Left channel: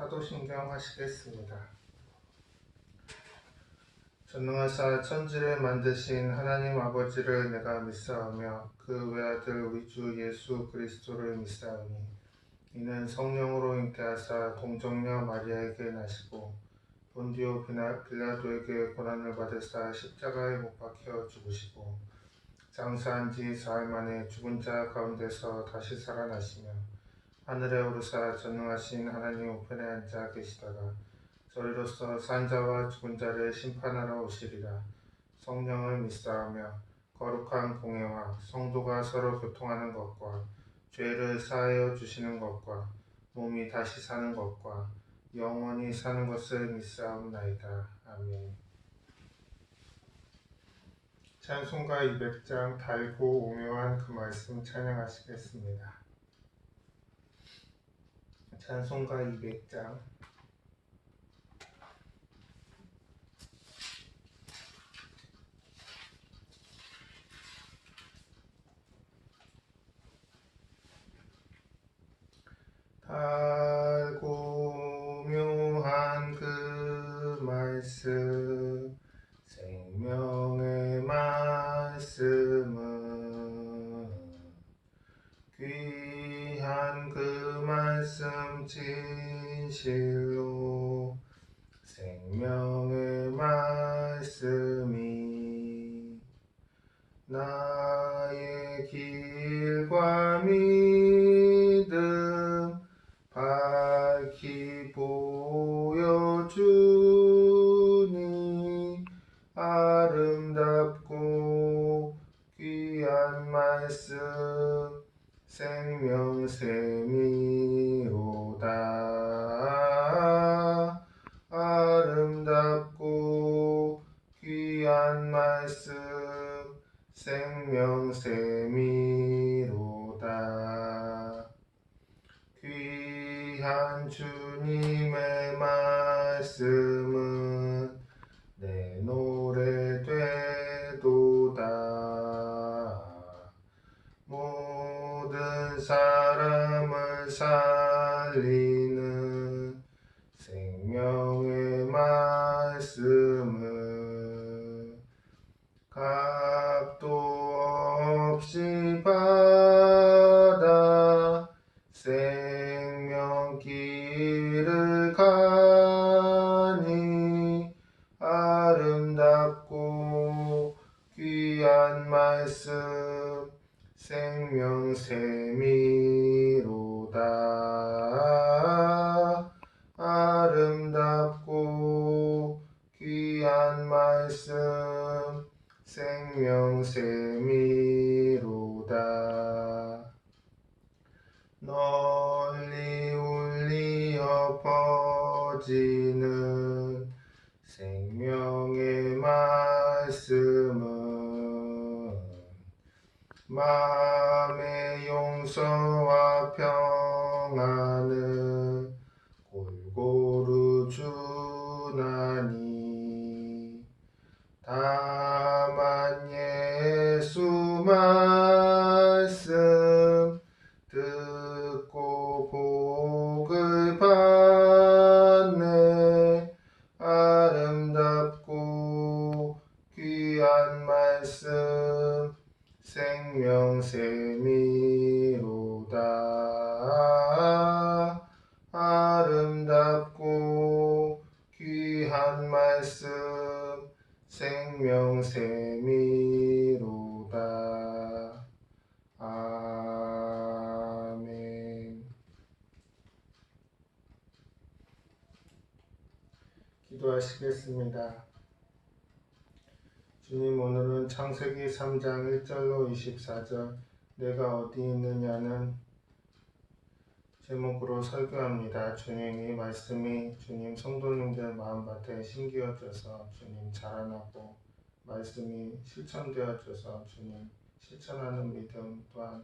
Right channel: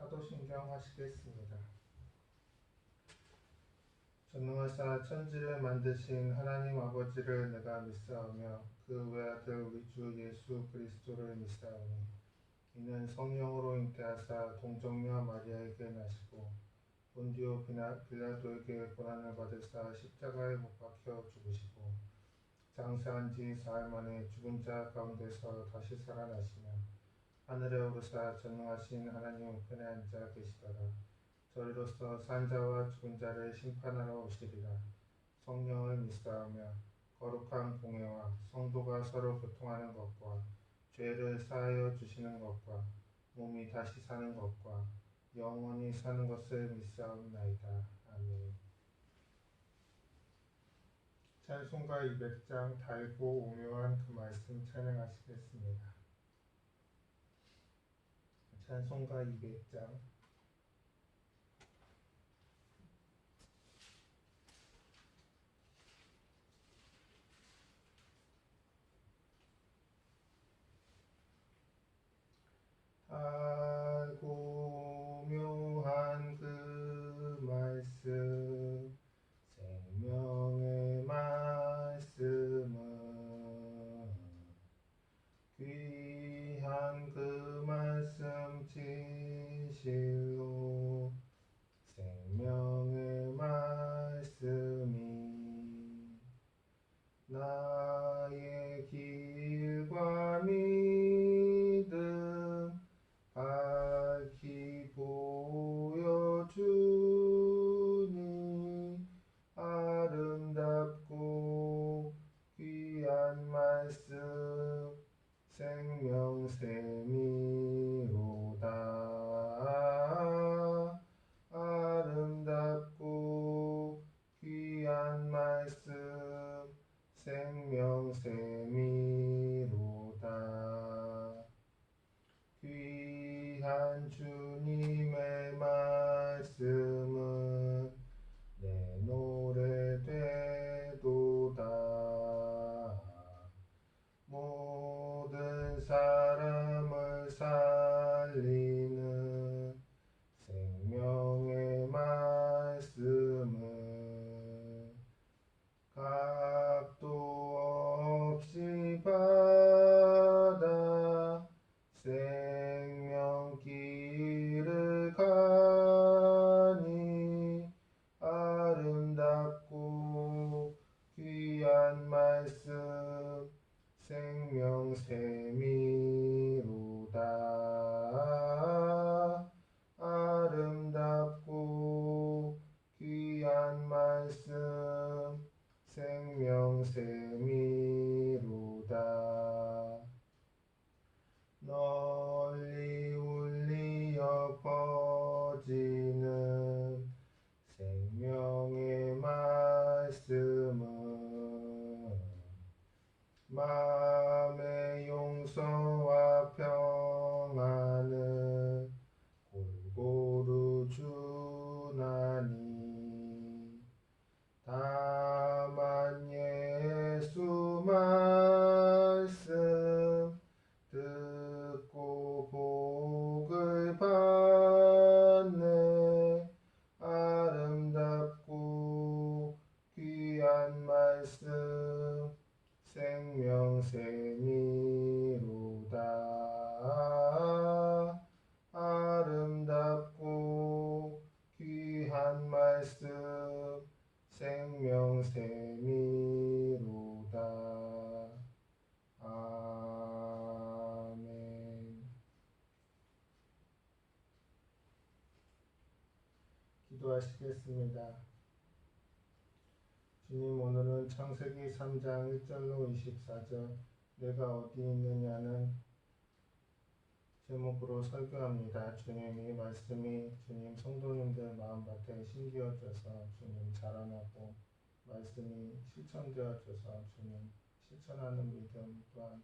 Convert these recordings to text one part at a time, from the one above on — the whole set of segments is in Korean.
사도신경 하시겠습니다. 전능하사 천지를 만드신 하나님 아버지를 내가 믿사오며 그 외아들 우리 주 예수 그리스도를 믿사오니 이는 성령으로 잉태하사 동정녀 마리아에게 나시고 본디오 빌라도에게 고난을 받으사 십자가에 못 박혀 죽으시고 장사한 지 사흘 만에 죽은 자 가운데서 다시 살아나시며 하늘에 오르사 전능하신 하나님 우편에 앉아 계시다가 저리로서 산 자와 죽은 자를 심판하러 오시리라. 성령을 믿사오며 거룩한 공회와 성도가 서로 교통하는 것과 죄를 사하여 주시는 것과 몸이 다시 사는 것과 영원히 사는 것을 믿사옵나이다. 아멘. 찬송가 200장 달고 오묘한 그 말씀 찬양하시겠습니다. 찬송가 200장 달고 묘한 그 말씀 생명의 말씀은 귀한 그 말씀 진실로 생명의 말씀이 나의 길과 믿음 밝히 보여주니 아름답고 귀한 말씀 생명샘이로다. 아름답고 귀한 말씀 생명샘이로다. 귀한 주님의 말씀은 내 노래 되도다. 모든 사람을 살리는 생명의 말씀은 값도 없이 받아 생명길을 가니 아름답고 귀한 말씀 생명샘이로다. 아름답고 귀한 말씀 생명샘이로다. 널리 울리어 퍼지는 생명의 말씀은 마음의 용서와 평안을 골고루 주나니 다만 예수 말씀 듣고 복을 받네. 아름답고 귀한 말씀 생명샘이로다. 아름답고 귀한 말씀 생명샘이로다. 아멘. 기도하시겠습니다. 주님, 오늘은 창세기 3장 1절로 24절 내가 어디 있느냐는 제목으로 설교합니다. 주님, 이 말씀이 주님 성도님들 마음밭에 심기어져서 주님 자라나고 말씀이 실천되어져서 주님 실천하는 믿음 또한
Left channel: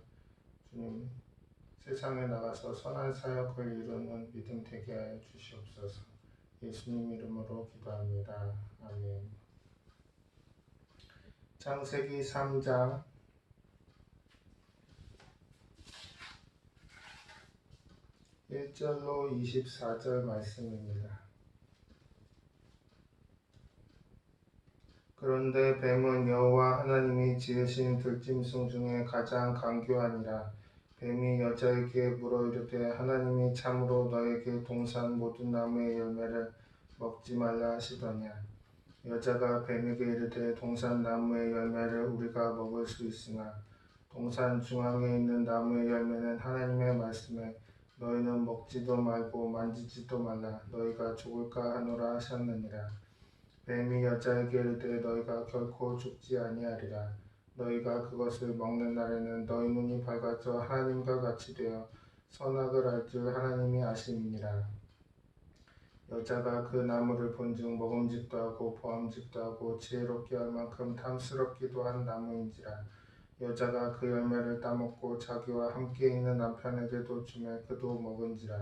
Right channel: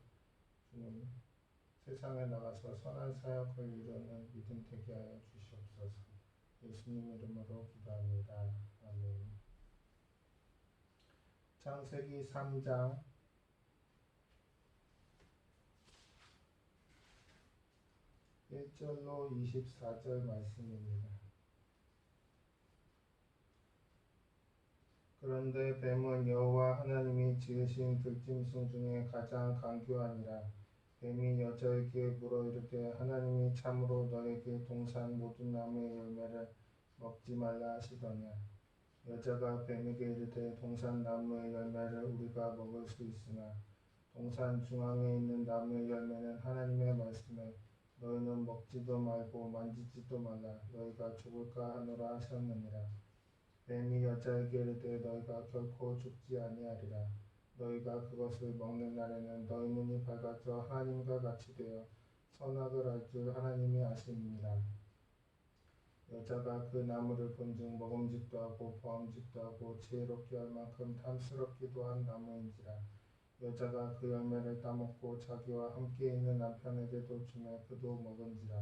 주님 세상에 나가서 선한 사역을 이루는 믿음 되게 하여 주시옵소서. 예수님 이름으로 기도합니다. 아멘. 창세기 3장 1 1절로 24절 말씀입니다. 그런데 뱀은 여호와 하나님이 지으신 들짐승 중에 가장 간교하니라. 뱀이 여자에게 물어 이르되 하나님이 참으로 너에게 동산 모든 나무의 열매를 먹지 말라 하시더냐. 여자가 뱀에게 이르되 동산 나무의 열매를 우리가 먹을 수 있으나 동산 중앙에 있는 나무의 열매는 하나님의 말씀에 너희는 먹지도 말고 만지지도 말라 너희가 죽을까 하노라 하셨느니라. 뱀이 여자에게 이르되 너희가 결코 죽지 아니하리라. 너희가 그것을 먹는 날에는 너희 눈이 밝아져 하나님과 같이 되어 선악을 알 줄 하나님이 아심이니라. 여자가 그 나무를 본즉 먹음직도 하고 보암직도 하고 지혜롭게 할 만큼 탐스럽기도 한 나무인지라. 여자가 그 열매를 따먹고 자기와 함께 있는 남편에게도 주매 그도 먹은지라.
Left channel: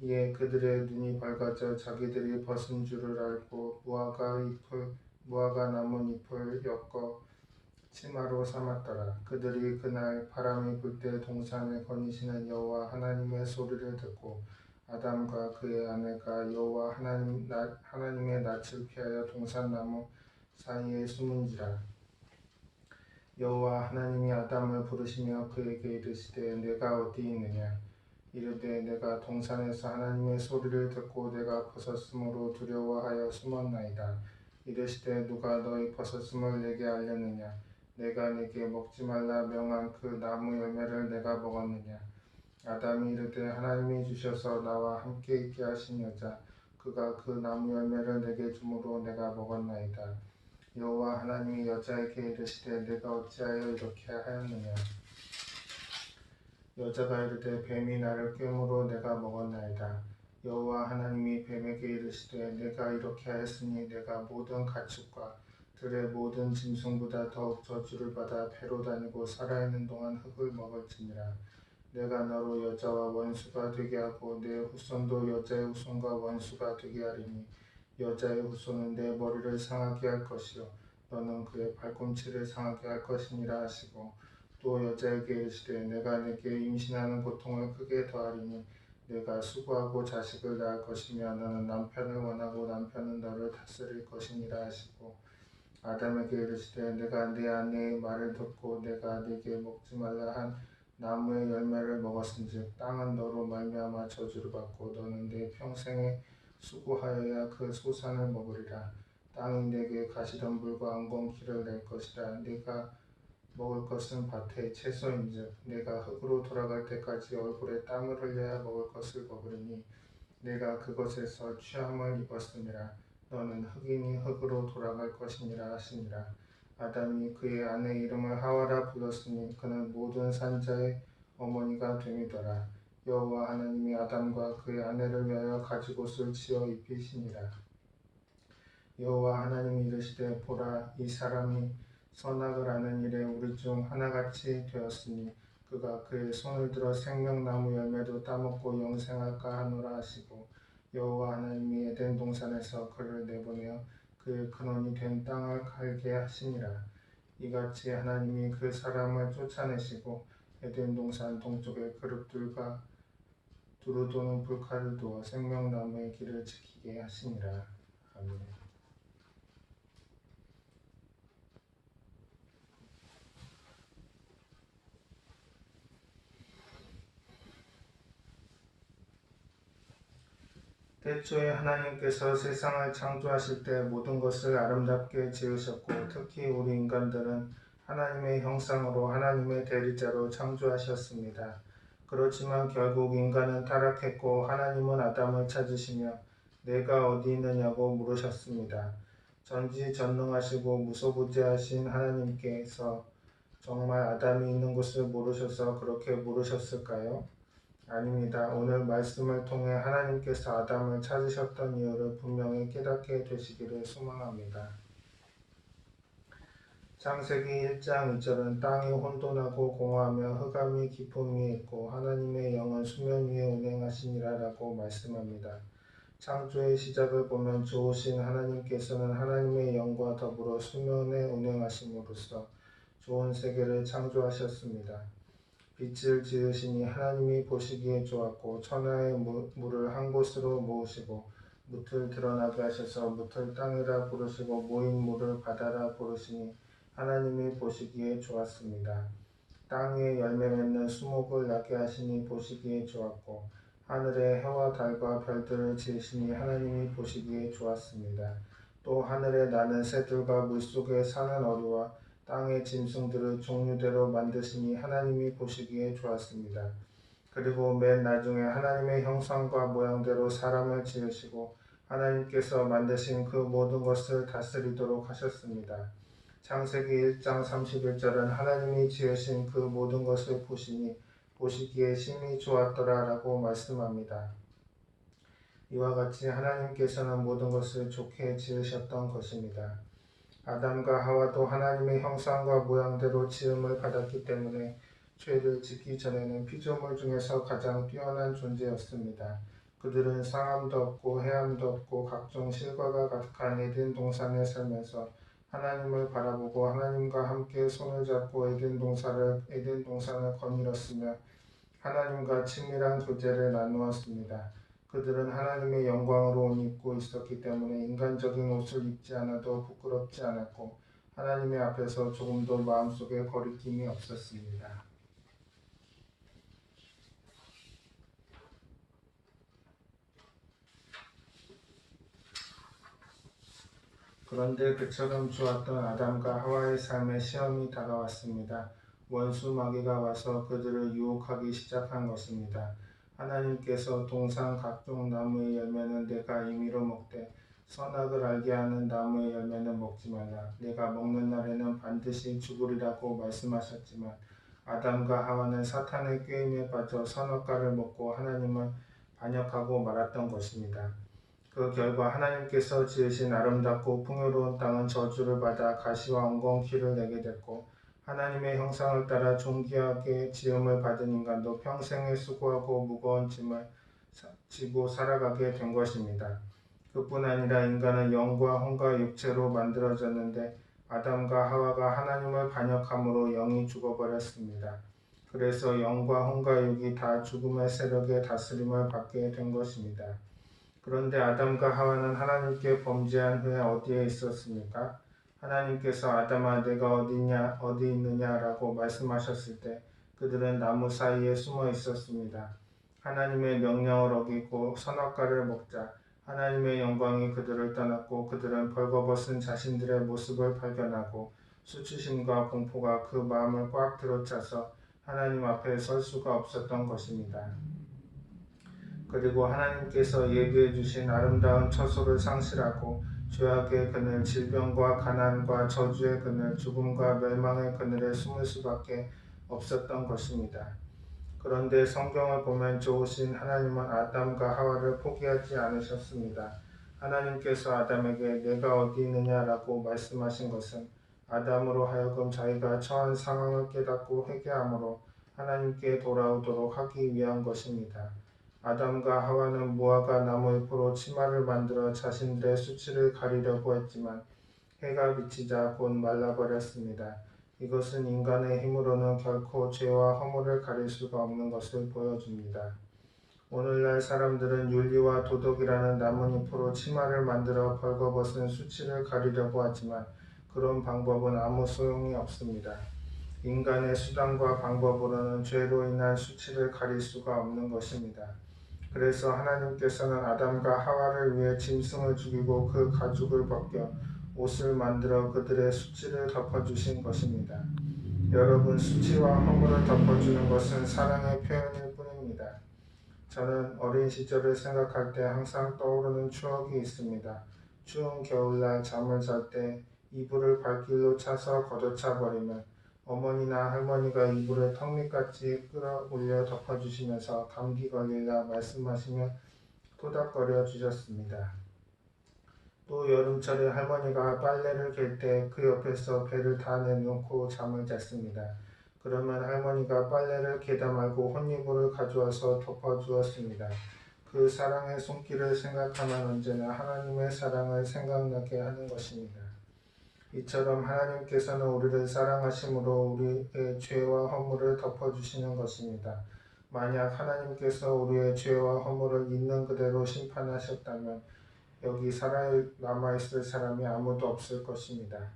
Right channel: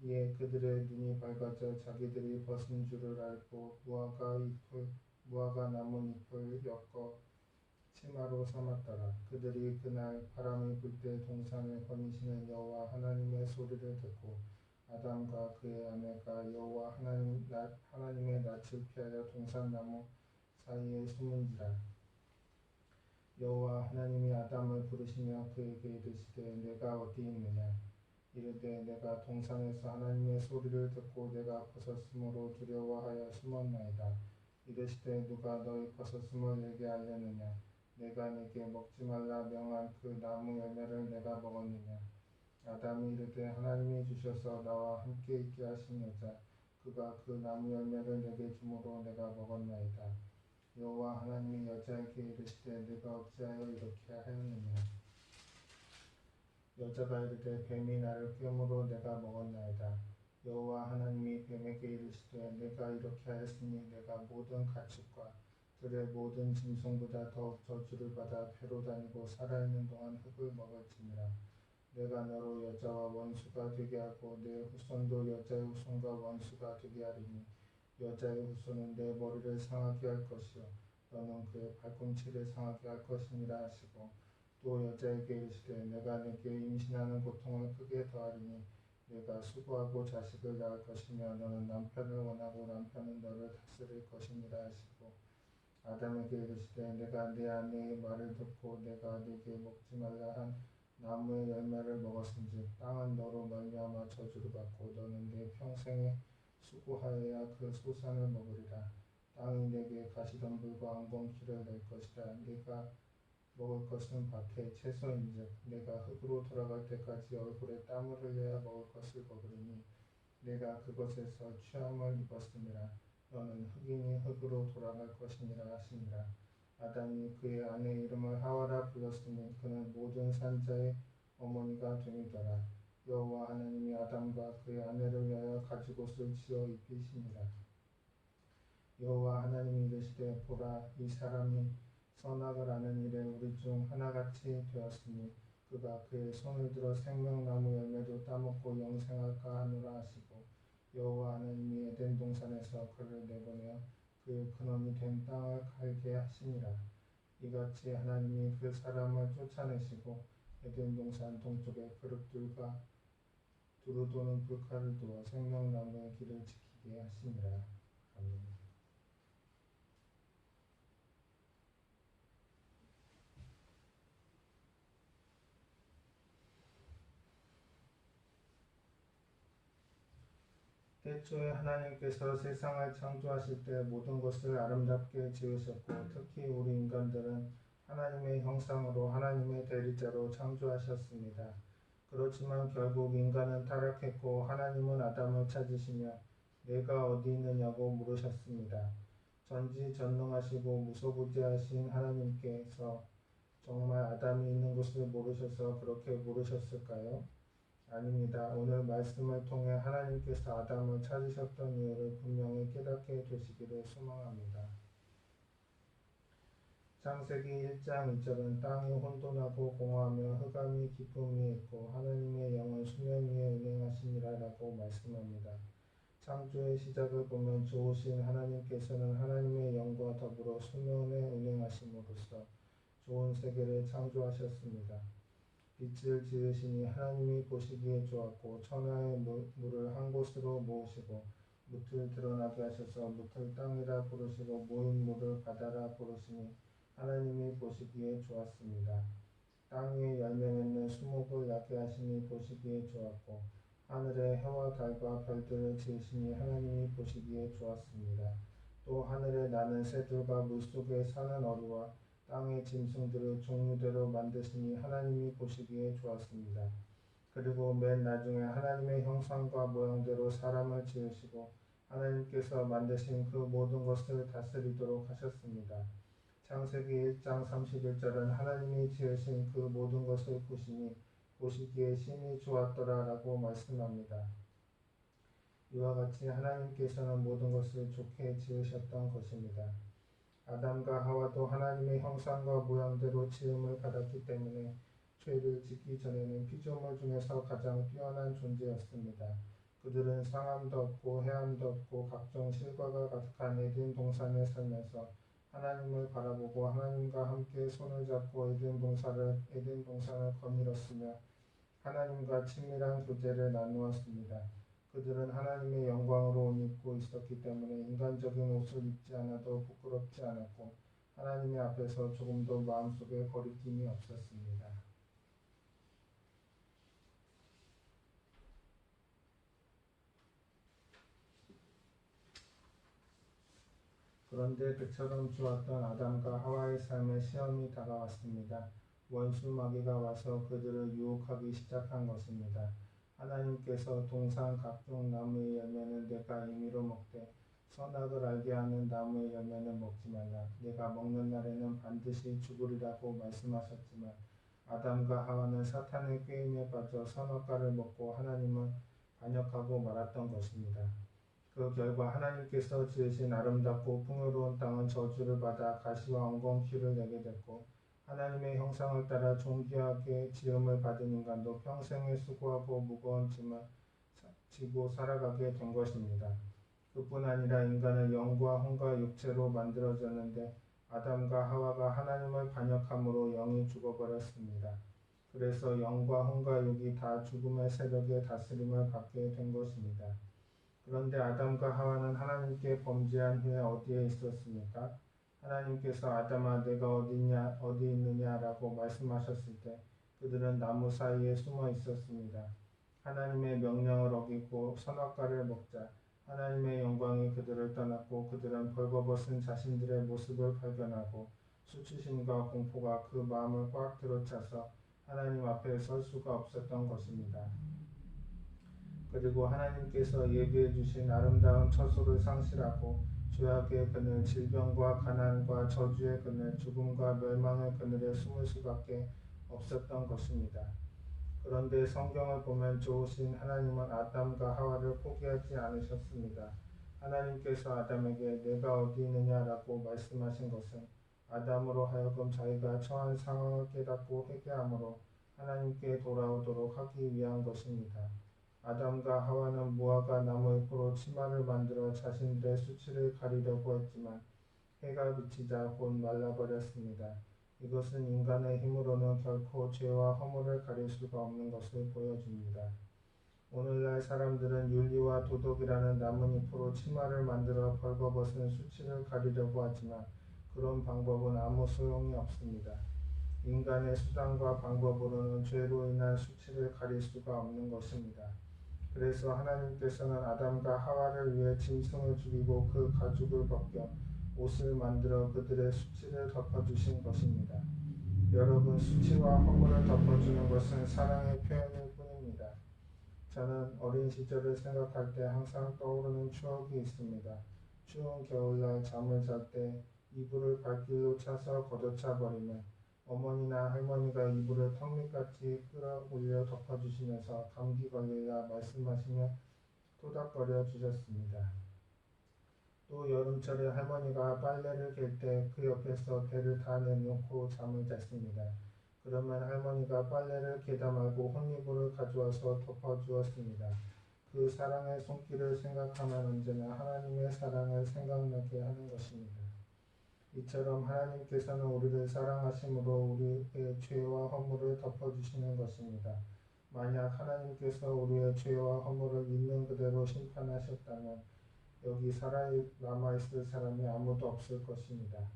이에 그들의 눈이 밝아져 자기들이 벗은 줄을 알고 무화과 나무 잎을 엮어 치마로 삼았더라. 그들이 그날 바람이 불 때 동산을 거니시는 여호와 하나님의 소리를 듣고 아담과 그의 아내가 여호와 하나님의 낯을 피하여 동산나무 사이에 숨은지라. 여호와 하나님이 아담을 부르시며 그에게 이르시되 내가 어디 있느냐. 이르되 내가 동산에서 하나님의 소리를 듣고 내가 벗었으므로 두려워하여 숨었나이다. 이르시되 누가 너희 벗었음을 내게 알렸느냐. 내가 내게 먹지 말라 명한 그 나무 열매를 내가 먹었느냐. 아담이 이르되 하나님이 주셔서 나와 함께 있게 하신 여자 그가 그 나무 열매를 내게 주므로 내가 먹었나이다. 여호와 하나님이 여자에게 이르시되 내가 어찌하여 이렇게 하였느냐. 여자가 이르되 뱀이 나를 꾀므로 내가 먹었나이다. 여호와 하나님이 뱀에게 이르시되 내가 이렇게 하였으니 내가 모든 가축과 들의 모든 짐승보다 더욱 저주를 받아 배로 다니고 살아있는 동안 흙을 먹을지니라. 내가 너로 여자와 원수가 되게 하고 내 후손도 여자의 후손과 원수가 되게 하리니 여자의 후손은 내 머리를 상하게 할 것이요 너는 그의 발꿈치를 상하게 할 것이니라 하시고 또 여자에게 이르시되 내가 내게 임신하는 고통을 크게 더하리니 내가 수고하고 자식을 낳을 것이며 너는 남편을 원하고 남편은 너를 다스릴 것이니라 하시고 아담에게 이르시되 내가 내 아내의 말을 듣고 내가 네게 먹지 말라 한 나무의 열매를 먹었은즉 땅은 너로 말미암아 저주를 받고 너는 내 평생에 수고하여야 그 소산을 먹으리라. 땅이 내게 가시덤불과 엉겅퀴를 낼 것이라. 네가 먹을 것은 밭의 채소인즉 내가 흙으로 돌아갈 때까지 얼굴에 땀을 흘려야 먹을 것을 먹으리니 내가 그것에서 취함을 입었음이라. 너는 흙이니 흙으로 돌아갈 것이니라 하시니라. 아담이 그의 아내 이름을 하와라 불렀으니 그는 모든 산자의 어머니가 됨이더라. 여호와 하나님이 아담과 그의 아내를 위하여 가죽옷을 지어 입히시니라. 여호와 하나님이 이르시되 보라 이 사람이 선악을 아는 일에 우리 중 하나같이 되었으니 그가 그의 손을 들어 생명나무 열매도 따먹고 영생할까 하노라 하시고 여호와 하나님이 에덴 동산에서 그를 내보내어 그의 근원이 된 땅을 갈게 하시니라. 이같이 하나님이 그 사람을 쫓아내시고 에덴 동산 동쪽에 그룹들과 두루 도는 불칼을 두어 생명나무의 길을 지키게 하시니라. 아멘. 태초에 하나님께서 세상을 창조하실 때 모든 것을 아름답게 지으셨고 특히 우리 인간들은 하나님의 형상으로 하나님의 대리자로 창조하셨습니다. 그렇지만 결국 인간은 타락했고 하나님은 아담을 찾으시며 내가 어디 있느냐고 물으셨습니다. 전지전능하시고 무소부재하신 하나님께서 정말 아담이 있는 곳을 모르셔서 그렇게 물으셨을까요? 아닙니다. 오늘 말씀을 통해 하나님께서 아담을 찾으셨던 이유를 분명히 깨닫게 되시기를 소망합니다. 창세기 1장 2절은 땅이 혼돈하고 공허하며 흑암이 깊음 위에 있고 하나님의 영은 수면 위에 운행하시니라 라고 말씀합니다. 창조의 시작을 보면 좋으신 하나님께서는 하나님의 영과 더불어 수면에 운행하심으로써 좋은 세계를 창조하셨습니다. 빛을 지으시니 하나님이 보시기에 좋았고 천하의 물을 한 곳으로 모으시고 뭇을 드러나게 하셔서 뭇을 땅이라 부르시고 모인 물을 바다라 부르시니 하나님이 보시기에 좋았습니다. 땅에 열매 맺는 수목을 나게 하시니 보시기에 좋았고 하늘에 해와 달과 별들을 지으시니 하나님이 보시기에 좋았습니다. 또 하늘에 나는 새들과 물속에 사는 어류와 땅의 짐승들을 종류대로 만드시니 하나님이 보시기에 좋았습니다. 그리고 맨 나중에 하나님의 형상과 모양대로 사람을 지으시고 하나님께서 만드신 그 모든 것을 다스리도록 하셨습니다. 창세기 1장 31절은 하나님이 지으신 그 모든 것을 보시니 보시기에 심히 좋았더라 라고 말씀합니다. 이와 같이 하나님께서는 모든 것을 좋게 지으셨던 것입니다. 아담과 하와도 하나님의 형상과 모양대로 지음을 받았기 때문에 죄를 짓기 전에는 피조물 중에서 가장 뛰어난 존재였습니다. 그들은 상함도 없고 해함도 없고 각종 실과가 가득한 에덴 동산에 살면서 하나님을 바라보고 하나님과 함께 손을 잡고 에덴 동산을 거닐었으며 하나님과 친밀한 교제를 나누었습니다. 그들은 하나님의 영광으로 옷 입고 있었기 때문에 인간적인 옷을 입지 않아도 부끄럽지 않았고 하나님의 앞에서 조금도 마음속에 거리낌이 없었습니다. 그런데 그처럼 좋았던 아담과 하와의 삶에 시험이 다가왔습니다. 원수 마귀가 와서 그들을 유혹하기 시작한 것입니다. 하나님께서 동산 각종 나무의 열매는 내가 임의로 먹되 선악을 알게 하는 나무의 열매는 먹지 말라. 내가 먹는 날에는 반드시 죽으리라고 말씀하셨지만 아담과 하와는 사탄의 꾀임에 빠져 선악과를 먹고 하나님을 반역하고 말았던 것입니다. 그 결과 하나님께서 지으신 아름답고 풍요로운 땅은 저주를 받아 가시와 엉겅퀴를 내게 됐고 하나님의 형상을 따라 존귀하게 지음을 받은 인간도 평생에 수고하고 무거운 짐을 지고 살아가게 된 것입니다. 그뿐 아니라 인간은 영과 혼과 육체로 만들어졌는데 아담과 하와가 하나님을 반역함으로 영이 죽어버렸습니다. 그래서 영과 혼과 육이 다 죽음의 세력의 다스림을 받게 된 것입니다. 그런데 아담과 하와는 하나님께 범죄한 후에 어디에 있었습니까? 하나님께서 아담아 내가 어디 있느냐라고 말씀하셨을 때 그들은 나무 사이에 숨어 있었습니다. 하나님의 명령을 어기고 선악과를 먹자 하나님의 영광이 그들을 떠났고 그들은 벌거벗은 자신들의 모습을 발견하고 수치심과 공포가 그 마음을 꽉 들어차서 하나님 앞에 설 수가 없었던 것입니다. 그리고 하나님께서 예비해 주신 아름다운 처소를 상실하고 죄악의 그늘, 질병과 가난과 저주의 그늘, 죽음과 멸망의 그늘에 숨을 수밖에 없었던 것입니다. 그런데 성경을 보면 좋으신 하나님은 아담과 하와를 포기하지 않으셨습니다. 하나님께서 아담에게 내가 어디 있느냐라고 말씀하신 것은 아담으로 하여금 자기가 처한 상황을 깨닫고 회개함으로 하나님께 돌아오도록 하기 위한 것입니다. 아담과 하와는 무화과 나무 잎으로 치마를 만들어 자신들의 수치를 가리려고 했지만 해가 비치자 곧 말라버렸습니다. 이것은 인간의 힘으로는 결코 죄와 허물을 가릴 수가 없는 것을 보여줍니다. 오늘날 사람들은 윤리와 도덕이라는 나뭇잎으로 치마를 만들어 벌거벗은 수치를 가리려고 하지만 그런 방법은 아무 소용이 없습니다. 인간의 수단과 방법으로는 죄로 인한 수치를 가릴 수가 없는 것입니다. 그래서 하나님께서는 아담과 하와를 위해 짐승을 죽이고 그 가죽을 벗겨 옷을 만들어 그들의 수치를 덮어주신 것입니다. 여러분, 수치와 허물을 덮어주는 것은 사랑의 표현일 뿐입니다. 저는 어린 시절을 생각할 때 항상 떠오르는 추억이 있습니다. 추운 겨울날 잠을 잘 때 이불을 발길로 차서 걷어차 버리면 어머니나 할머니가 이불을 턱밑같이 끌어올려 덮어주시면서 감기 걸릴라 말씀하시며 토닥거려 주셨습니다. 또 여름철에 할머니가 빨래를 갤 때 그 옆에서 배를 다 내놓고 잠을 잤습니다. 그러면 할머니가 빨래를 개다 말고 혼이불을 가져와서 덮어주었습니다. 그 사랑의 손길을 생각하면 언제나 하나님의 사랑을 생각나게 하는 것입니다. 이처럼 하나님께서는 우리를 사랑하심으로 우리의 죄와 허물을 덮어주시는 것입니다. 만약 하나님께서 우리의 죄와 허물을 있는 그대로 심판하셨다면 여기 남아있을 사람이 아무도 없을 것입니다.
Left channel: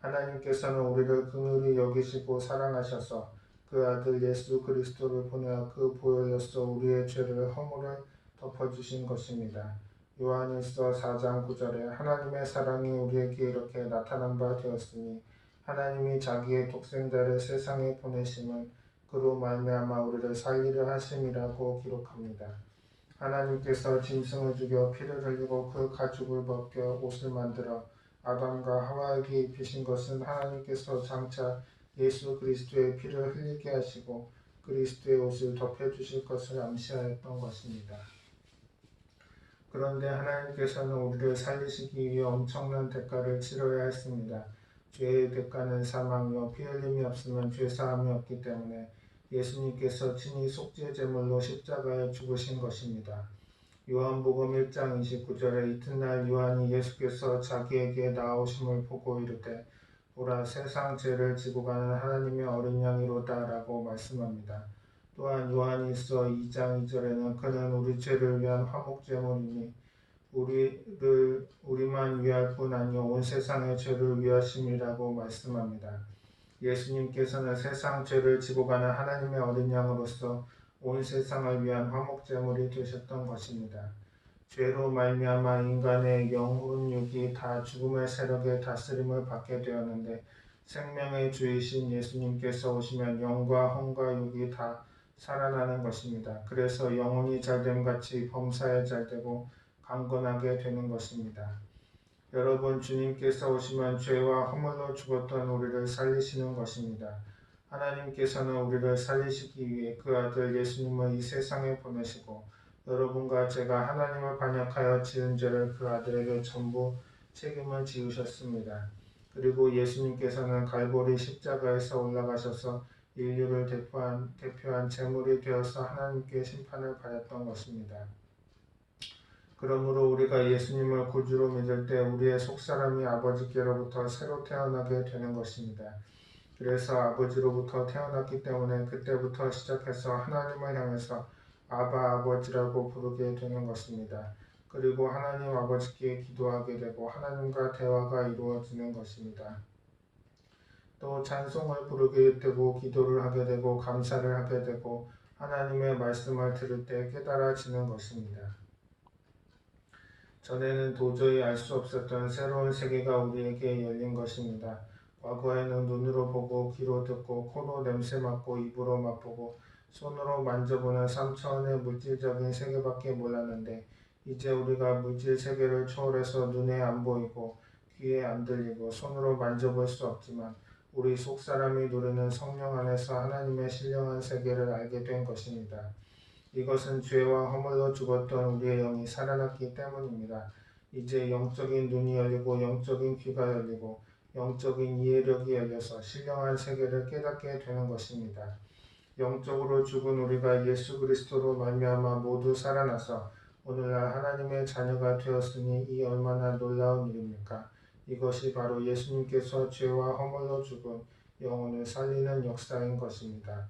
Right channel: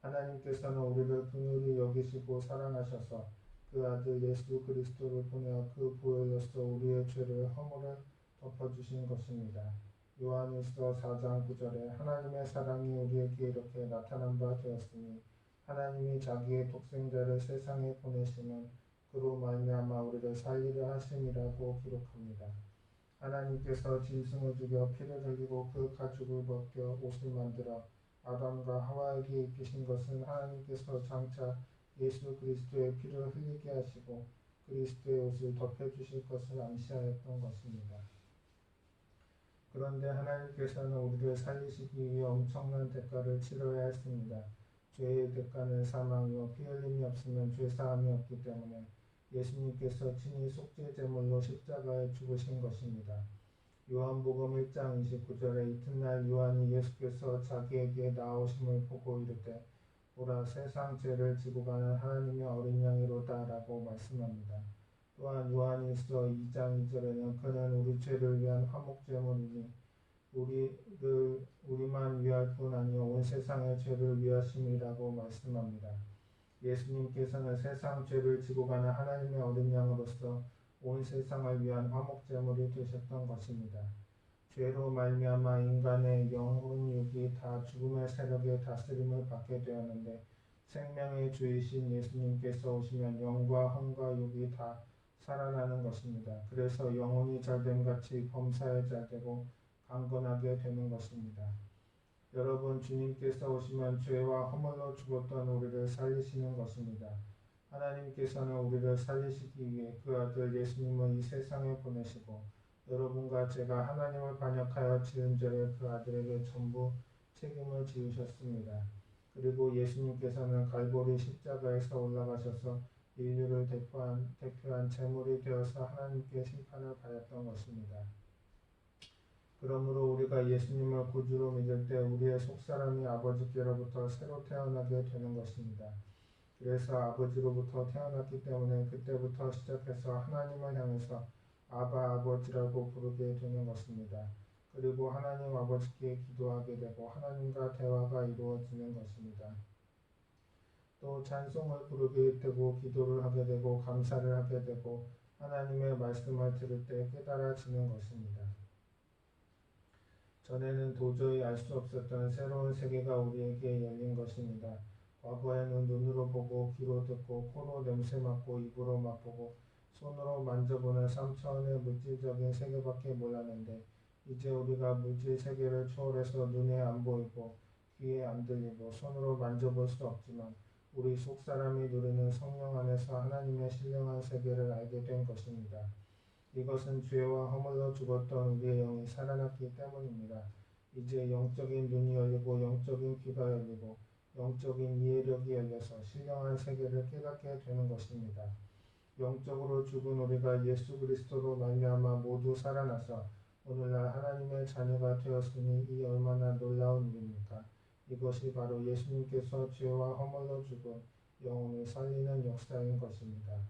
하나님께서는 우리를 긍휼히 여기시고 사랑하셔서 그 아들 예수 그리스도를 보내어 그 보혈로서 우리의 죄를 허물을 덮어주신 것입니다. 요한일서 4장 9절에 하나님의 사랑이 우리에게 이렇게 나타난 바 되었으니 하나님이 자기의 독생자를 세상에 보내심은 그로 말미암아 우리를 살리려 하심이라고 기록합니다. 하나님께서 짐승을 죽여 피를 흘리고 그 가죽을 벗겨 옷을 만들어 아담과 하와에게 입히신 것은 하나님께서 장차 예수 그리스도의 피를 흘리게 하시고 그리스도의 옷을 덮여주실 것을 암시하였던 것입니다. 그런데 하나님께서는 우리를 살리시기 위해 엄청난 대가를 치러야 했습니다. 죄의 대가는 사망이요 피 흘림이 없으면 죄사함이 없기 때문에 예수님께서 친히 속죄제물로 십자가에 죽으신 것입니다. 요한복음 1장 29절에 이튿날 요한이 예수께서 자기에게 나오심을 보고 이르되 보라 세상 죄를 지고 가는 하나님의 어린 양이로다 라고 말씀합니다. 또한 요한일서 2장 2절에는 그는 우리 죄를 위한 화목제물이니 우리만 위할 뿐 아니요 온 세상의 죄를 위하심이라고 말씀합니다. 예수님께서는 세상 죄를 지고 가는 하나님의 어린 양으로서 온 세상을 위한 화목제물이 되셨던 것입니다. 죄로 말미암아 인간의 영혼 육이 다 죽음의 세력의 다스림을 받게 되었는데 생명의 주이신 예수님께서 오시면 영과 혼과 육이 다 살아나는 것입니다. 그래서 영혼이 잘됨 같이 범사에 잘되고 강건하게 되는 것입니다. 여러분, 주님께서 오시면 죄와 허물로 죽었던 우리를 살리시는 것입니다. 하나님께서는 우리를 살리시기 위해 그 아들 예수님을 이 세상에 보내시고 여러분과 제가 하나님을 반역하여 지은 죄를 그 아들에게 전부 책임을 지우셨습니다. 그리고 예수님께서는 갈보리 십자가에서 올라가셔서 인류를 대표한 제물이 되어서 하나님께 심판을 받았던 것입니다. 그러므로 우리가 예수님을 구주로 믿을 때 우리의 속사람이 아버지께로부터 새로 태어나게 되는 것입니다. 그래서 아버지로부터 태어났기 때문에 그때부터 시작해서 하나님을 향해서 아바 아버지라고 부르게 되는 것입니다. 그리고 하나님 아버지께 기도하게 되고 하나님과 대화가 이루어지는 것입니다. 또 찬송을 부르게 되고 기도를 하게 되고 감사를 하게 되고 하나님의 말씀을 들을 때 깨달아지는 것입니다. 전에는 도저히 알 수 없었던 새로운 세계가 우리에게 열린 것입니다. 과거에는 눈으로 보고 귀로 듣고 코로 냄새 맡고 입으로 맛보고 손으로 만져보는 3차원의 물질적인 세계밖에 몰랐는데 이제 우리가 물질 세계를 초월해서 눈에 안 보이고 귀에 안 들리고 손으로 만져볼 수 없지만 우리 속사람이 누리는 성령 안에서 하나님의 신령한 세계를 알게 된 것입니다. 이것은 죄와 허물로 죽었던 우리의 영이 살아났기 때문입니다. 이제 영적인 눈이 열리고 영적인 귀가 열리고 영적인 이해력이 열려서 신령한 세계를 깨닫게 되는 것입니다. 영적으로 죽은 우리가 예수 그리스도로 말미암아 모두 살아나서 오늘날 하나님의 자녀가 되었으니 이 얼마나 놀라운 일입니까? 이것이 바로 예수님께서 죄와 허물로 죽은 영혼을 살리는 역사인 것입니다.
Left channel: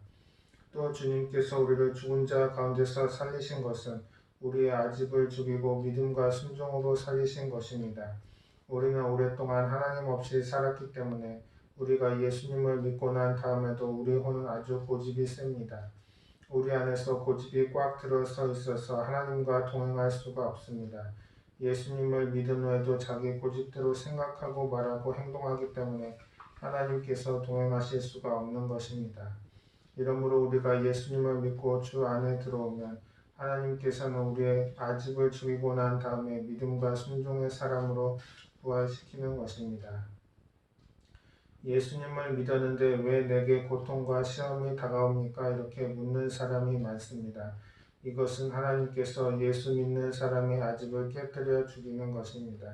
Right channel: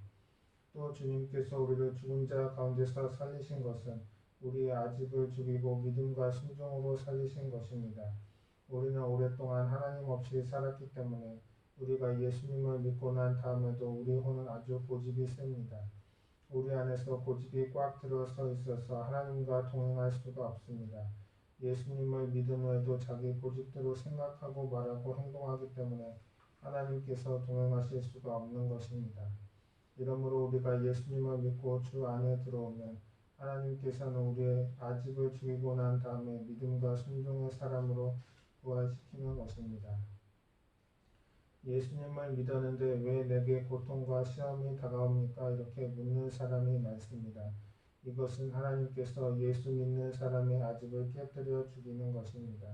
또 주님께서 우리를 죽은 자 가운데서 살리신 것은 우리의 아집을 죽이고 믿음과 순종으로 살리신 것입니다. 우리는 오랫동안 하나님 없이 살았기 때문에 우리가 예수님을 믿고 난 다음에도 우리 혼은 아주 고집이 셉니다. 우리 안에서 고집이 꽉 들어서 있어서 하나님과 동행할 수가 없습니다. 예수님을 믿은 후에도 자기 고집대로 생각하고 말하고 행동하기 때문에 하나님께서 동행하실 수가 없는 것입니다. 이러므로 우리가 예수님을 믿고 주 안에 들어오면 하나님께서는 우리의 아집을 죽이고 난 다음에 믿음과 순종의 사람으로 부활시키는 것입니다. 예수님을 믿었는데 왜 내게 고통과 시험이 다가옵니까? 이렇게 묻는 사람이 많습니다. 이것은 하나님께서 예수 믿는 사람의 아집을 깨뜨려 죽이는 것입니다.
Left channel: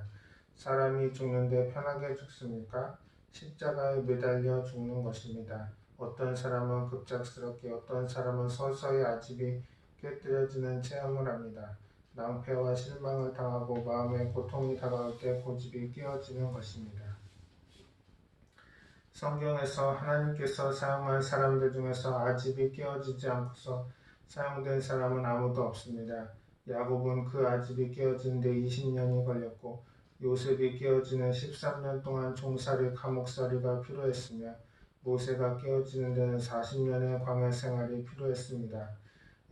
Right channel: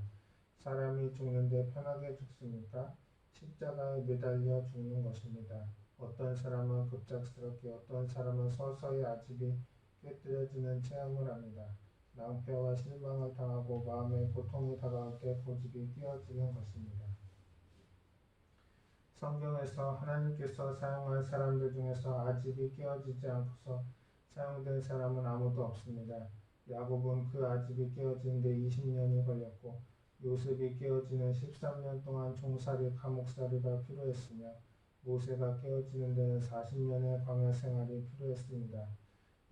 사람이 죽는데 편하게 죽습니까? 십자가에 매달려 죽는 것입니다. 어떤 사람은 급작스럽게 어떤 사람은 서서히 아집이 깨뜨려지는 체험을 합니다. 낭패와 실망을 당하고 마음에 고통이 다가올 때 고집이 깨어지는 것입니다. 성경에서 하나님께서 사용한 사람들 중에서 아집이 깨어지지 않고서 사용된 사람은 아무도 없습니다. 야곱은 그 아집이 깨어지는데 20년이 걸렸고 요셉이 깨어지는 13년 동안 종살이 감옥살이가 필요했으며 모세가 깨어지는 데는 40년의 광야 생활이 필요했습니다.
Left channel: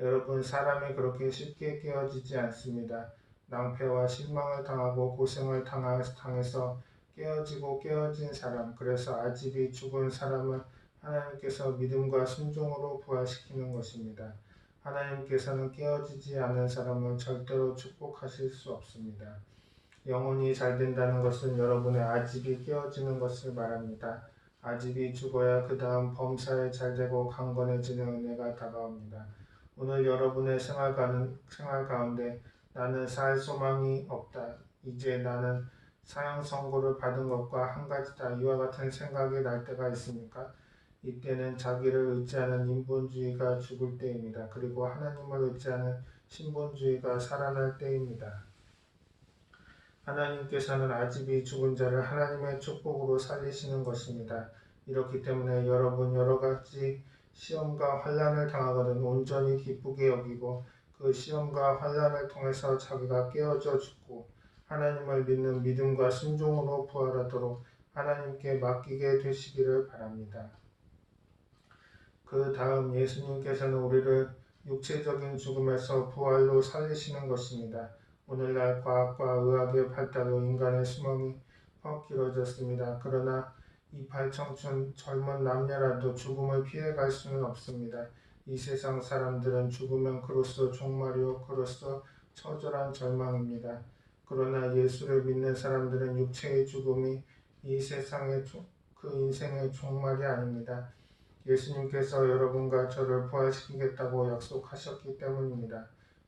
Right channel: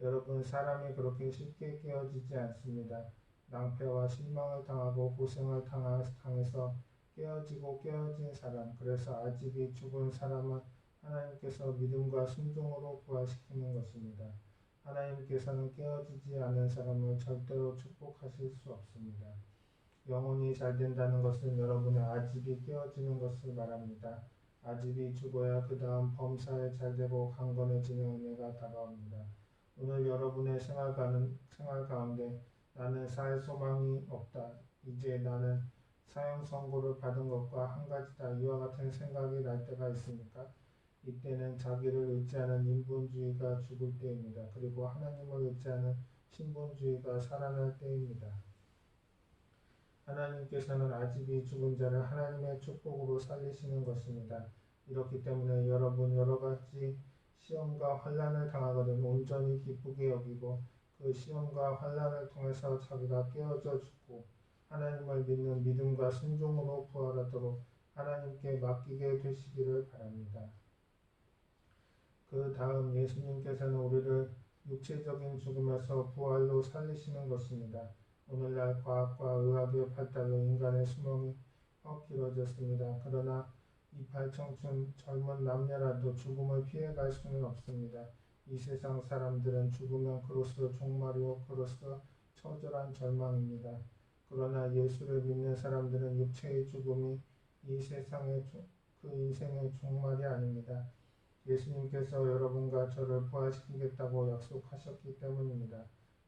여러분, 사람이 그렇게 쉽게 깨어지지 않습니다. 낭패와 실망을 당하고 고생을 당해서 깨어지고 깨어진 사람, 그래서 아집이 죽은 사람을 하나님께서 믿음과 순종으로 부활시키는 것입니다. 하나님께서는 깨어지지 않은 사람을 절대로 축복하실 수 없습니다. 영혼이 잘 된다는 것은 여러분의 아집이 깨어지는 것을 말합니다. 아집이 죽어야 그 다음 범사에 잘 되고 강건해지는 은혜가 다가옵니다. 오늘 여러분의 생활 가운데 나는 살 소망이 없다. 이제 나는 사형 선고를 받은 것과 한 가지다. 이와 같은 생각이 날 때가 있습니까? 이때는 자기를 의지하는 인본주의가 죽을 때입니다. 그리고 하나님을 의지하는 신본주의가 살아날 때입니다. 하나님께서는 아집이 죽은 자를 하나님의 축복으로 살리시는 것입니다. 이렇기 때문에 여러분 여러 가지 시험과 환난을 당하거든 온전히 기쁘게 여기고 그 시험과 환난을 통해서 자기가 깨어져 죽고 하나님을 믿는 믿음과 순종으로 부활하도록 하나님께 맡기게 되시기를 바랍니다. 그 다음 예수님께서는 우리를 육체적인 죽음에서 부활로 살리시는 것입니다. 오늘날 과학과 의학의 발달로 인간의 수명이 확 길어졌습니다. 그러나 이팔 청춘 젊은 남녀라도 죽음을 피해갈 수는 없습니다. 이 세상 사람들은 죽으면 그로써 종말이요 그로써 처절한 절망입니다. 그러나 예수를 믿는 사람들은 육체의 죽음이 이 세상의 그 인생의 종말이 아닙니다. 예수님께서 여러분과 저를 부활시키겠다고 약속하셨기 때문입니다.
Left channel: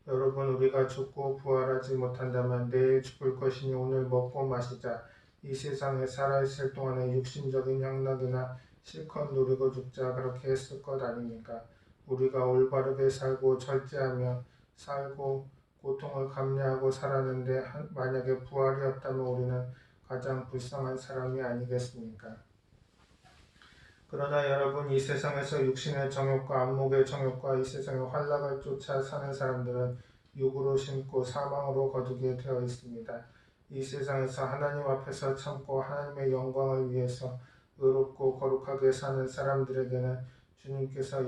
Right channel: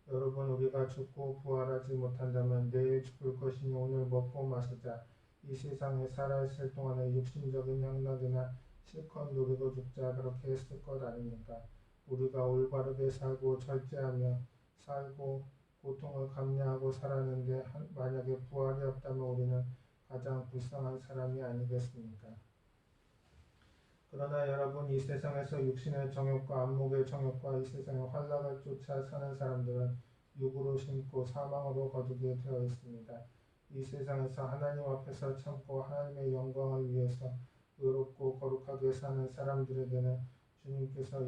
여러분, 우리가 죽고 부활하지 못한다면 내일 죽을 것이니 오늘 먹고 마시자. 이 세상에 살아있을 동안에 육신적인 향락이나 실컷 누리고 죽자, 그렇게 했을 것 아닙니까? 우리가 올바르게 살고 절제하며 살고 고통을 감내하고 살았는데 만약에 부활이 없다면 우리는 가장 불쌍한 사람이 아니겠습니까? 그러나 여러분, 이 세상에서 육신의 정욕과 안목의 정욕과 이 세상의 환락을 쫓아 사는 사람들은 육으로 심고 사망으로 거두게 되어 있습니다. 이 세상에서 하나님 앞에서 참고 하나님의 영광을 위해서 의롭고 거룩하게 사는 사람들에게는 주님께서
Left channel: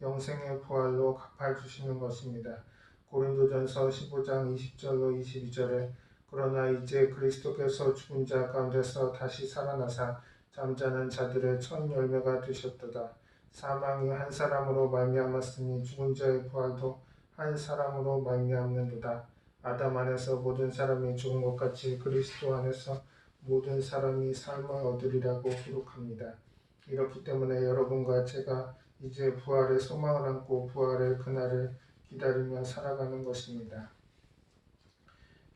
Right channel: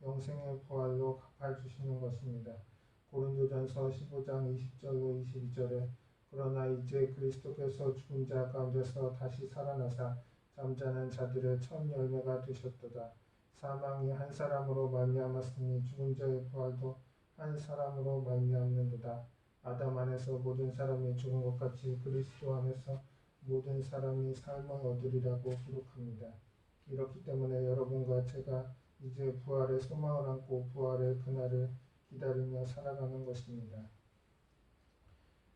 영생의 부활로 갚아주시는 것입니다. 고린도전서 15장 20절로 22절에 그러나 이제 그리스도께서 죽은 자 가운데서 다시 살아나사 잠자는 자들의 첫 열매가 되셨도다. 사망이 한 사람으로 말미암았으니 죽은 자의 부활도 한 사람으로 말미암는도다. 아담 안에서 모든 사람이 죽은 것 같이 그리스도 안에서 모든 사람이 삶을 얻으리라고 기록합니다. 이렇기 때문에 여러분과 제가 이제 부활의 소망을 안고 부활의 그날을 기다리며 살아가는 것입니다.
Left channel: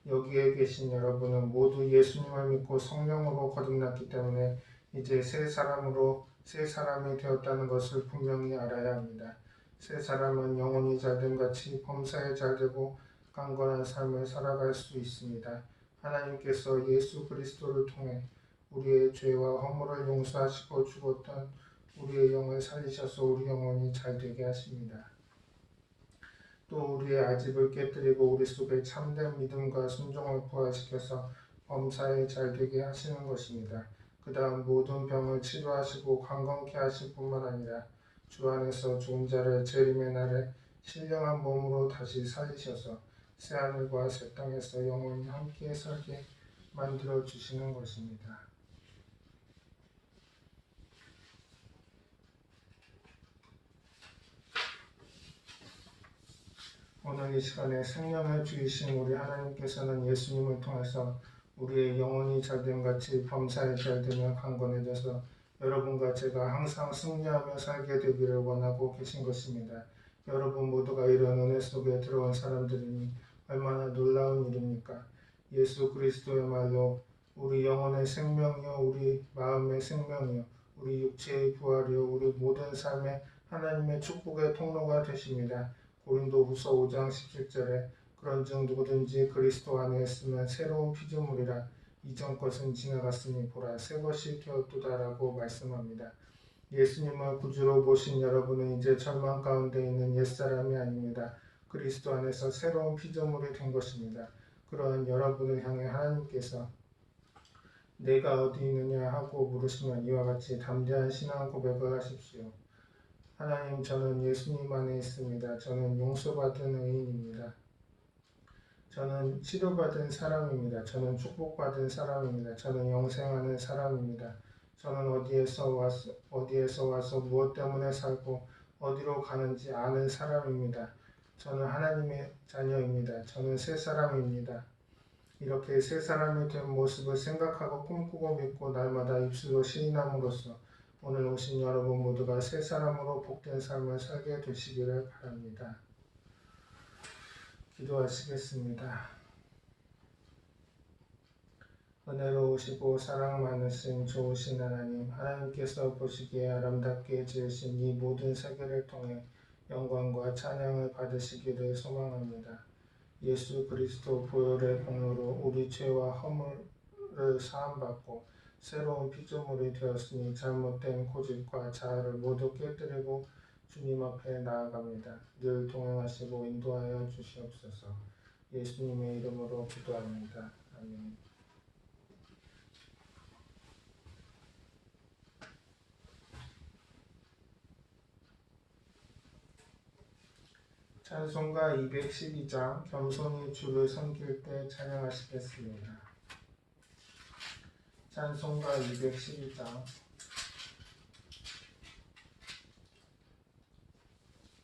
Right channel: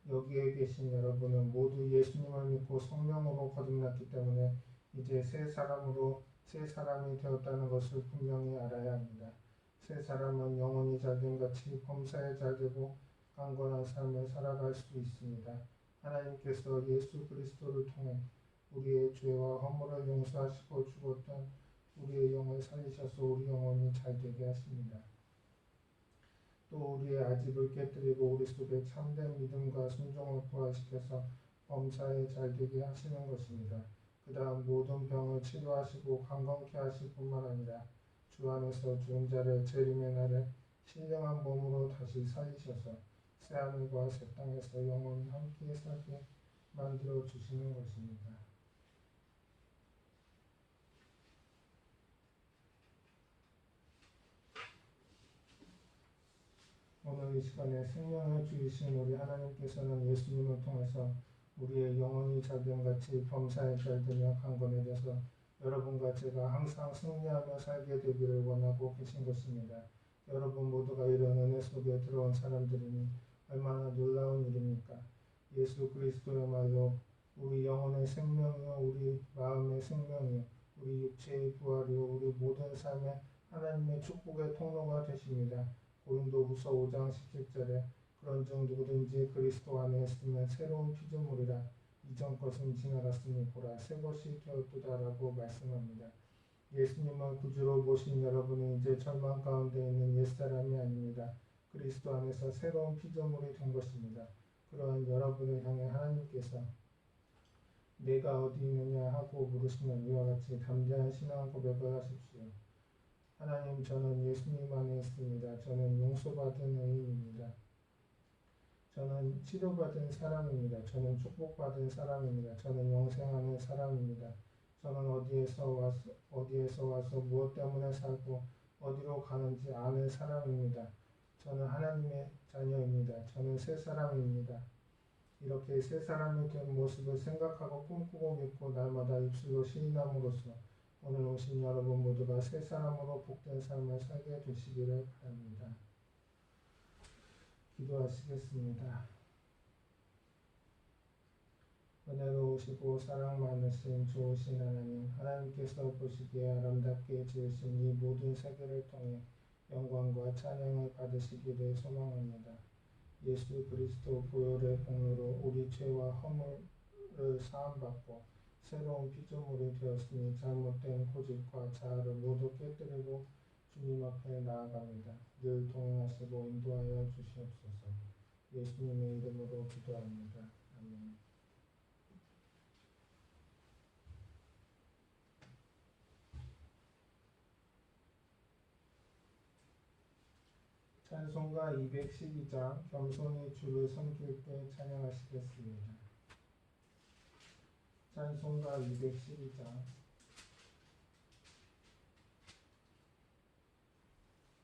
여기에 계신 여러분은 모두 예수님을 믿고 성령으로 거듭났기 때문에 이제 새 사람이 되었다는 것을 분명히 알아야 합니다. 새 사람은 영혼이 잘됨 같이 범사에 잘되고 강건한 삶을 살아갈 수 있습니다. 하나님께서 예수 그리스도를 통해 우리의 죄와 허물을 용서하시고 죽었던 우리의 영을 살리셔서 우리 영혼이 잘되게 하십니다. 또 우리의 아집을 깨뜨리고 우리 속에 참된 믿음과 순종을 부활시켜서 범사에 잘되게 하시는 것입니다. 그 다음 모든 병을 치료하시고 강건케 하실 뿐만 아니라 주 안에서 죽은 자를 재림의 날에 신령한 몸으로 다시 살리셔서 새하늘과 새 땅에서 영원히 함께 살게 만들어 주시는 것입니다. 오늘 이 시간에 생명을 주이신 우리 하나님께서는 예수님을 통해서 우리의 영혼이 잘됨 같이 범사에 잘되며 강건해져서 여러분과 제가 항상 승리하며 살게 되기를 원하고 계신 것입니다. 여러분 모두가 이런 은혜 속에 들어온 사람들이니 얼마나 놀라운 일입니까? 예수 그리스도의 말로 우리 영혼의 생명이요 우리 마음의 생명이요 우리 육체의 부활이요 우리 모든 삶의 하나님의 축복의 통로가 되십니다. 고린도후서 5장 17절에 그런즉 누구든지 그리스도 안에 있으면 새로운 피조물이라 이전 것은 지나갔으니 보라 새 것이 되었도다라고 말씀합니다. 예수님을 구주로 모신 여러분은 이제 절망 가운데 있는 옛사람이 아닙니다. 그리스도 안에서 새로운 피조물이 된 것입니다. 그러한 여러분을 향해 하나님께서 내가 어디 있느냐 하고 물으시면 이와 같이 담대한 신앙 고백을 하십시오. 하나님, 저는 예수님 안에 있습니다. 저는 용서받은 의인입니다. 저는 치료받은 사람입니다. 저는 축복받은 사람입니다. 저는 영생하는 사람입니다. 저는 어디에서 와서 무엇 때문에 살고 어디로 가는지 아는 사람입니다. 저는 하나님의 자녀입니다. 저는 새 사람입니다. 이렇게 새 사람이 된 모습을 생각하고 꿈꾸고 믿고 날마다 입술로 시인함으로써 오늘 오신 여러분 모두가 새 사람으로 복된 삶을 살게 되시기를 바랍니다. 기도하시겠습니다. 은혜로우시고 사랑 많으신 좋으신 하나님, 하나님께서 보시기에 아름답게 지으신 이 모든 세계를 통해 영광과 찬양을 받으시기를 소망합니다. 예수 그리스도 보혈의 공로로 우리 죄와 허물을 사함받고 새로운 피조물이 되었으니 잘못된 고집과 자아를 모두 깨뜨리고 주님 앞에 나아갑니다. 늘 동행하시고 인도하여 주시옵소서. 예수님의 이름으로 기도합니다. 아멘. 찬송가 212장 겸손히 주를 섬길 때 찬양하시겠습니다. 찬송가 212장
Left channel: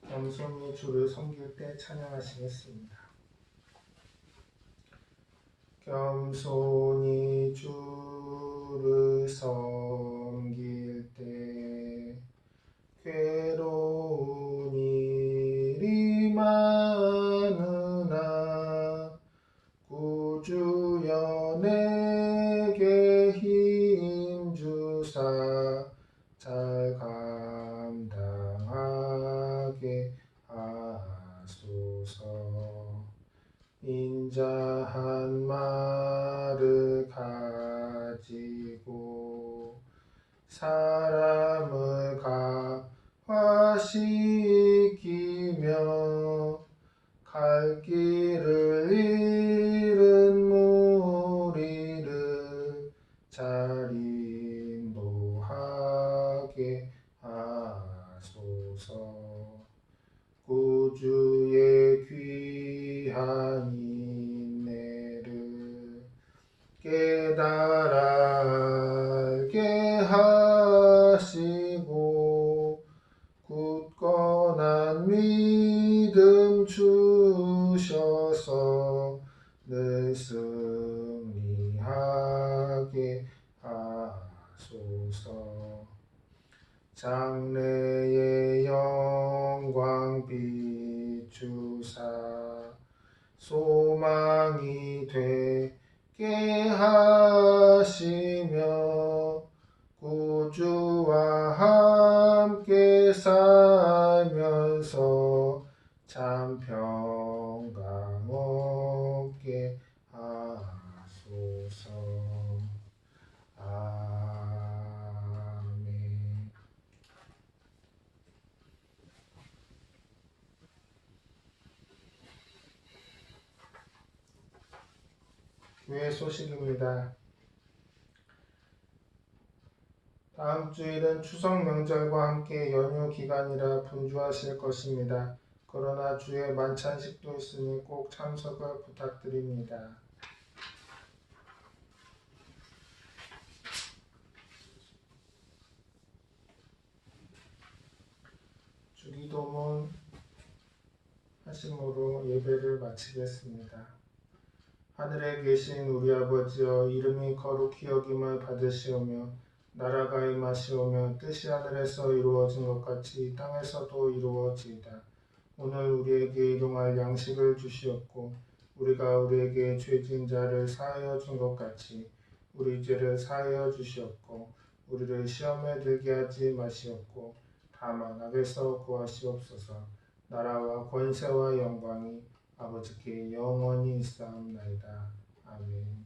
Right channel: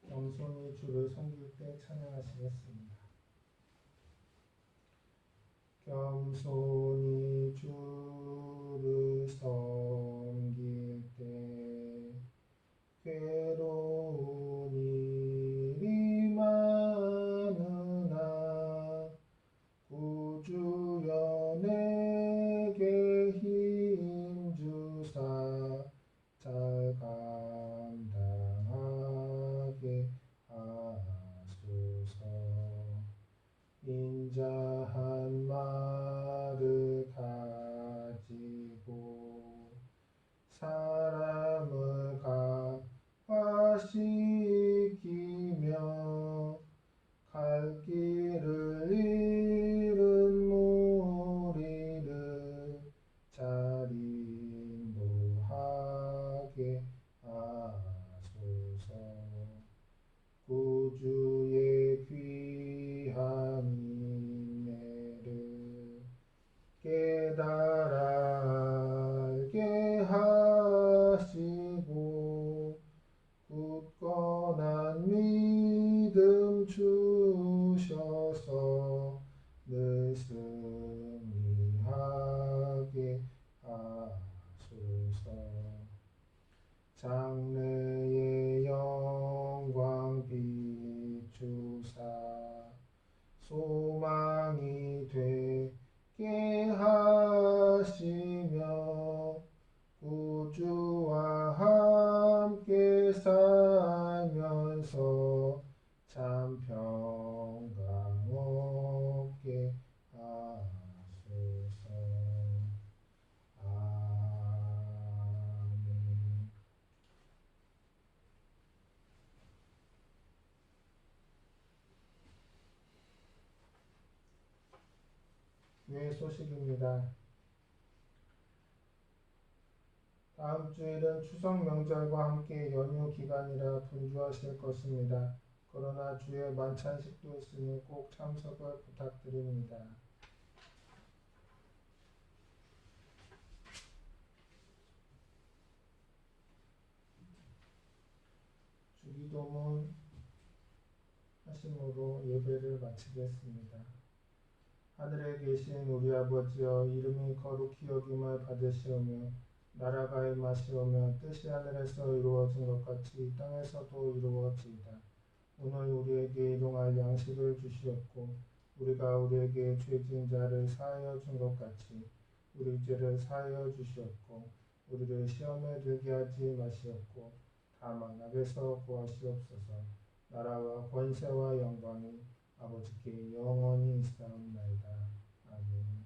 겸손히 주를 섬길 때 찬양하시겠습니다. 겸손히 주를 섬길 때 괴로운 일이 많으나 구주여 내게 힘주사 잘 감당하게 하소서. 인자한 말을 가지고 사람을 감화시키며 갈 길을 잃은 무리를 잘 인도하게 하소서. 구주의 귀한 인내를 깨달아 알게 하시고 굳건한 믿음 주셔서 늘 승리하게 하소서. 장래의 영광 비추사 소망이 되게 하시며 구주와 함께 살면서 참 평강 얻게 하소서. 아멘. 교회 소식입니다. 다음 주일은 추석 명절과 함께 연휴 기간이라 분주하실 것입니다. 그러나 주의 만찬식도 있으니 꼭 참석을 부탁드립니다. 주기도문 하심으로 예배를 마치겠습니다. 하늘에 계신 우리 아버지여, 이름이 거룩히 여김을 받으시오며 나라가 임하시오며 뜻이 하늘에서 이루어진 것 같이 땅에서도 이루어지이다. 오늘 우리에게 일용할 양식을 주시옵고 우리가 우리에게 죄진 자를 사하여 준 것 같이 우리 죄를 사하여 주시옵고 우리를 시험에 들게 하지 마시옵고 다만 악에서 구하시옵소서. 나라와 권세와 영광이 아버지께 영원히 있사옵나이다. 아멘.